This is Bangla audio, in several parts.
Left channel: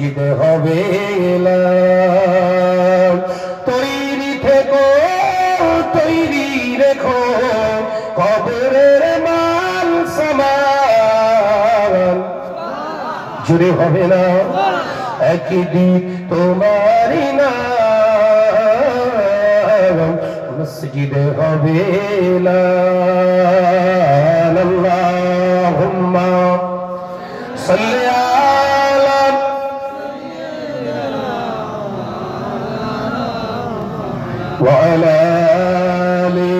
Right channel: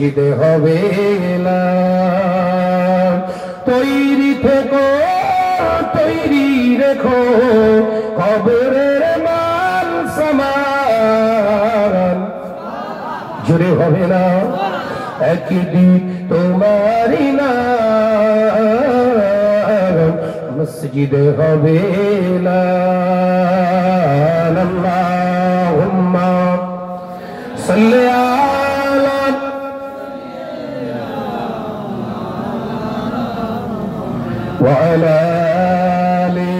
মসজিদে হবে না তৈরি থেকো তৈরি রেখো কবরের মাল সামান জুড়ে হবে না একদিন তোমারই না মসজিদে হবে না আল্লাহুম্মা সাল্লি আলা ওয়া আলা আলি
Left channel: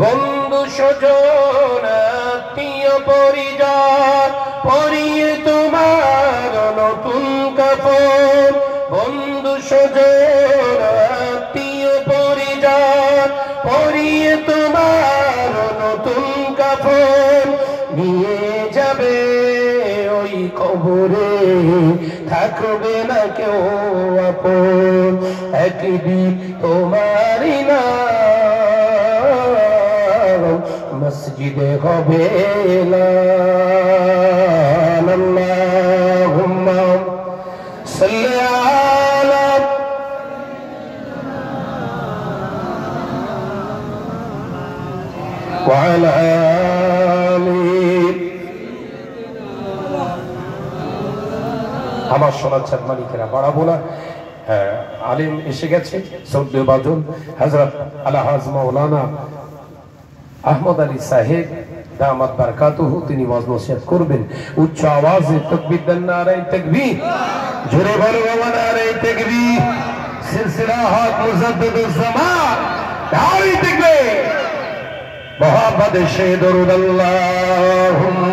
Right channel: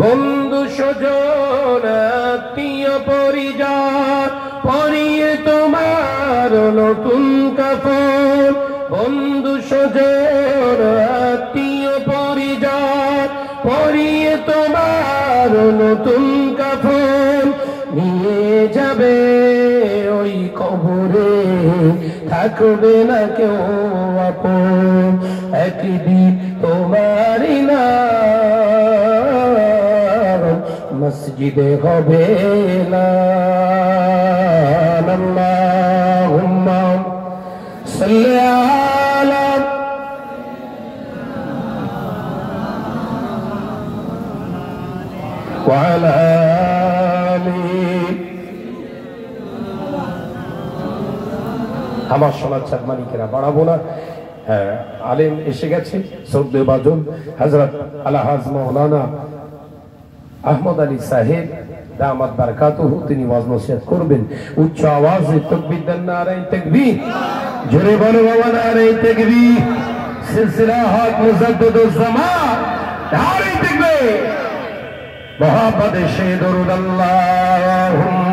বন্ধু স্বজন আত্মীয় পরিজন পরিয়ে তোমার নতুন কাপড় বন্ধু স্বজন আত্মীয় পরিজন পরিয়ে তোমার নতুন কাপড় নিয়ে যাবে ওই কবরে থাকবে না কেউ আপন একদিন তোমারই না মসজিদে হবে না আল্লাহুম্মা সাল্লি আলা ওয়া আলা আলি আমার সোনার চাঁদ মানিকেরা বাড়াবো না আলেম এসে গেছে সৌদি বাজুন হযরত আলহাজ মাওলানা আহমদ আলী সাহেব দামাত বারাকাতুহু তিনি ওয়াজ নসিহত করবেন উচ্চ আওয়াজে তাকবীর দেন নারায়ে তাকবীর জোরে বলো নারায়ে তাকবীর সিলসিলা হক মুজাদ্দিদুজ জামান নারায়ে তাকবীর মোহাম্মদ শে দরুদ আল্লাহুম্মা